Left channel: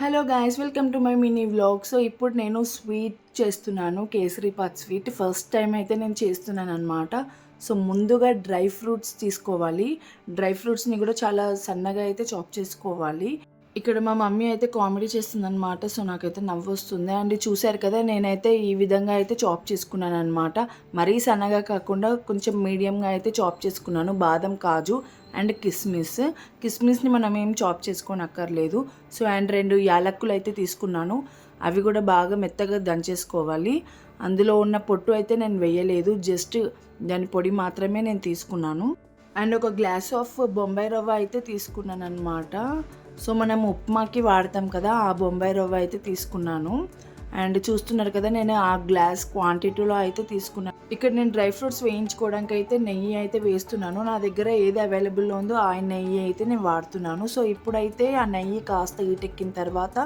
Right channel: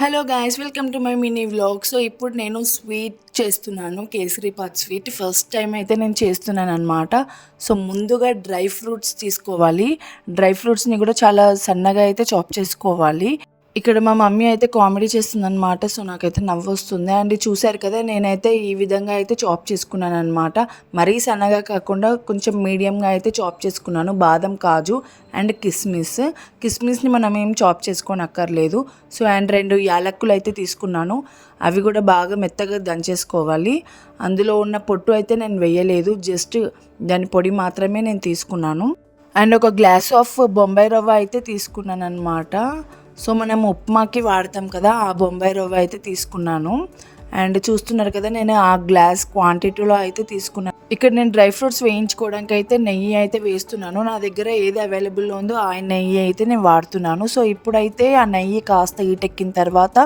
Hello guys, welcome to my mini vlog. So ఇప్పుడు నేను sweet చేస్తున్నాను, కేసరీపాత్ స్వీట్. ఫస్ట్ టైం అయితే నేను చేస్తున్నాను అనమాట. సో ముందుగా డ్రై ఫ్రూట్స్ తీసుకోవాలి. డ్రై ఫ్రూట్స్ని కూడా చాలా సన్నగా అయితే చాప్ చేసుకోవాలి. ఇక్కడ మా మమ్మీ అయితే కామెడీ చేస్తుందనమాట. సో నాకైతే నవ్వు వస్తుంది. అండ్ చూశారు కదా, నేనైతే ఈ విధంగా అయితే చాప్ చేసుకున్నాను అనమాట. మరీ సన్నగా కాకుండా కొంచెం మీడియంగా అయితే చాప్ చేసుకున్నాను. బాదం, కాజు అండ్ కిస్మిస్ని మనం ఏం చాప్ చేసుకొని అక్కర్లేదు. సో అండ్ 2 యాలక్కులు అయితే తీసుకున్నాను. అవి కూడా బాగా మెత్తగా దంచేసుకోవాలి. అందులో ఉన్న పొట్టు అయితే నేను వేయలేదు, జస్ట్ దాని పొడి మాత్రమే నేను తీసుకున్నాను. అండ్ ఒక గ్లాస్ ఆఫ్ బొంబాయి రవ్వ అయితే తీసుకున్నాను అనమాట. సో మనం ఉప్మాకి వాడతాం కదా, ఆ బొంబాయి రవ్వ అయితే తీసుకున్నాను. అండ్ చూస్తున్నారు కదా, నేను ఆ గ్లాస్ క్వాంటిటీలో అయితే తీసుకున్నాను. ఇక్కడ నేను డ్రై ఫ్రూట్స్ వేయించుకోవడానికి అయితే నెయ్యి అయితే వేస్తున్నాను. నా దగ్గర ఏది అవైలబుల్లో ఉందో ఆ నెయ్యి అయితే నేను వాడుతున్నాను. సో ఇప్పుడైతే ఆ నెయ్యి కాస్త హీటెక్కిన తర్వాత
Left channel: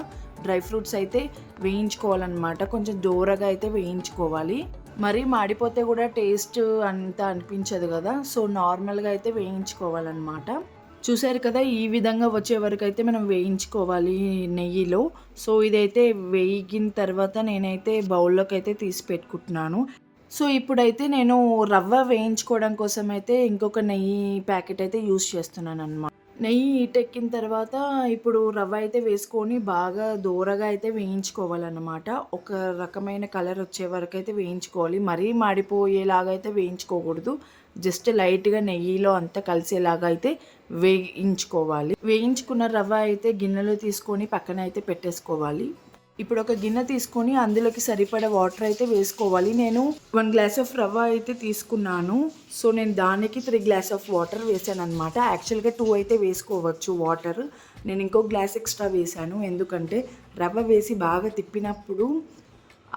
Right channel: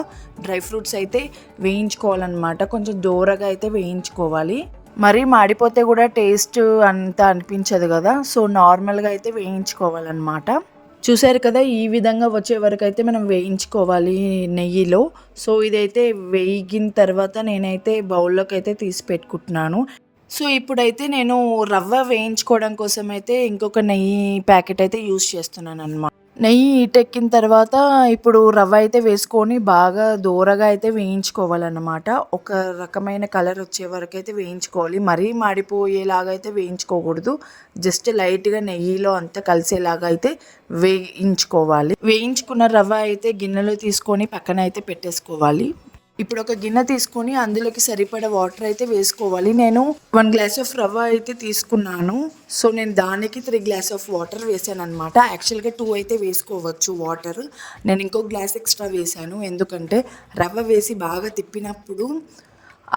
డ్రై ఫ్రూట్స్ అయితే వేయించుకోవాలన్నమాట. కొంచెం దూరగా అయితే వేయించుకోవాలి. మరీ మాడిపోతే కూడా టేస్ట్ అంత అనిపించదు కదా. సో నార్మల్గా అయితే వేయించుకోవాలన్నమాట. చూసారు కదా, ఈ విధంగా వచ్చే వరకు అయితే మనం వేయించుకోవాలి నెయ్యిలో. సో ఇదైతే వేగిన తర్వాత నేనైతే బౌల్లోకి అయితే తీసి పెట్టుకుంటున్నాను. సో ఇప్పుడైతే నేను రవ్వ వేయించుకోవడం కోసం అయితే ఇంకొక నెయ్యి ప్యాకెట్ అయితే యూస్ చేస్తున్నాను అనమాట. నెయ్యి హీటెక్కిన తర్వాత ఇప్పుడు రవ్వ అయితే వేసుకొని బాగా దూరగా అయితే వేయించుకోవాలన్నమాట. ఒక రకమైన కలర్ వచ్చే వరకు అయితే వేయించుకోవాలి. మరీ మాడిపోయేలాగా అయితే వేయించుకోకూడదు. జస్ట్ లైట్గా నెయ్యిలో అంతా కలిసేలాగా అయితే వేయించుకోవాలి. వేయించుకున్న రవ్వ అయితే గిన్నెలో తీసుకొని పక్కన అయితే పెట్టేసుకోవాలి. ఇప్పుడు ఒక గిన్నె తీసుకొని అందులోకి సరిపడా వాటర్ అయితే వేసుకోవాలి. నేను 1 గ్లాస్ ఆఫ్ రవ్వ అయితే తీసుకున్నాను. సో నేను దానికి 3 గ్లాస్ ఆఫ్ వాటర్ వేసాను అనమాట. యాక్చువల్గా 2 అయితే వేసుకోవచ్చు వాటర్. నేను ఇంకో గ్లాస్ ఎక్స్ట్రా వేసాను, ఎందుకంటే రవ్వ వేసి బాగా తిప్పినప్పుడు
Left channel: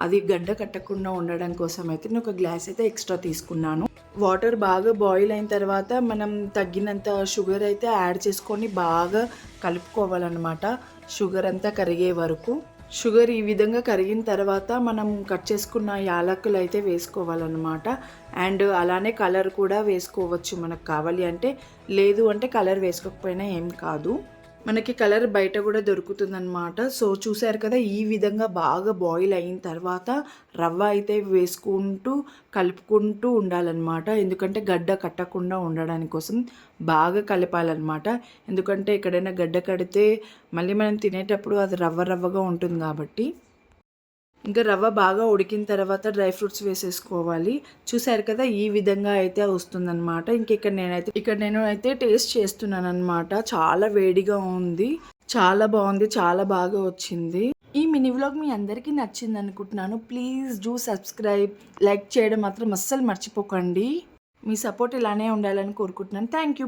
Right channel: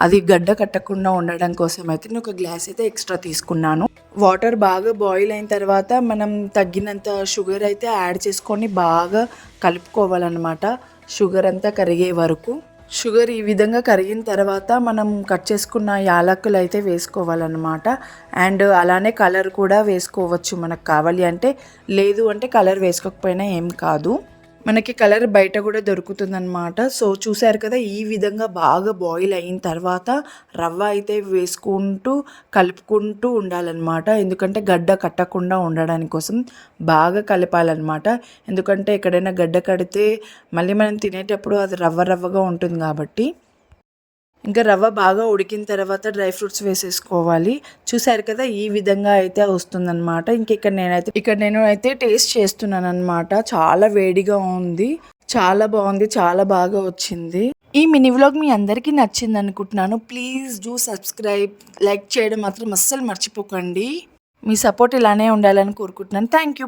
అది గడ్డ కట్టకుండా ఉండడం కోసం అయితే నేను ఒక గ్లాస్ అయితే ఎక్స్ట్రా తీసుకున్నాను. వాటర్ బాగా బాయిల్ అయిన తర్వాత మనం తగ్గినంత షుగర్ అయితే యాడ్ చేసుకొని బాగా కలుపుకోవాలన్నమాట, షుగర్ అంతా కరిగే వరకు. షుగర్ ఈ విధంగా కరిగిన తర్వాత మనం కట్ చేసుకున్న యాలక్కులు అయితే వేసుకోవాలన్నమాట. అండ్ అలానే కలర్ కూడా వేసుకోవచ్చు మనకు కావాలి అంటే. లేదు అంటే కలర్ వేసుకోకపోయినా ఏం కాదు, మనకి కలర్ బయట కూడా దొరుకుతుందన్నమాట. సో చూసారు కదా, ఈ విధంగా బాగా బాయిల్ అయిన తర్వాత రవ్వ అయితే వేసుకుంటూ కలుపుకుంటూ ఉండాలన్నమాట. ఎందుకంటే గడ్డ కట్టకుండా ఉండడానికి కోసం బాగా కలపాలన్నమాట. ఎందుకంటే ఎక్కడైనా గడ్డ కడితే మళ్ళీ మనం తినేటప్పుడు అది రవ్వగా ఉంటుంది కాబట్టి. ఇంకా రవ్వ బాగా ఉడికిన తర్వాత డ్రై ఫ్రూట్స్ వేసేసుకోవాలి. చూసారు కదా, ఈ విధంగా అయితే వస్తుందన్నమాట. ఇక్కడ నేను అయితే టేస్ట్ చేస్తున్నాను అనమాట. చాలా వేడిగా ఉంది, చాలా బాగుంది, చాలా బాగా వచ్చింది. ఈ మినీ వ్లాగ్ మీ అందరికీ నచ్చింది అనుకుంటున్నాను. ప్లీజ్ డూ సబ్స్క్రైబ్, లైక్ చేయడం మాత్రం అస్సలు మర్చిపోకండి. మీ సపోర్ట్ ఇలానే ఉండాలని కోరుకుంటున్నాను. Thank you.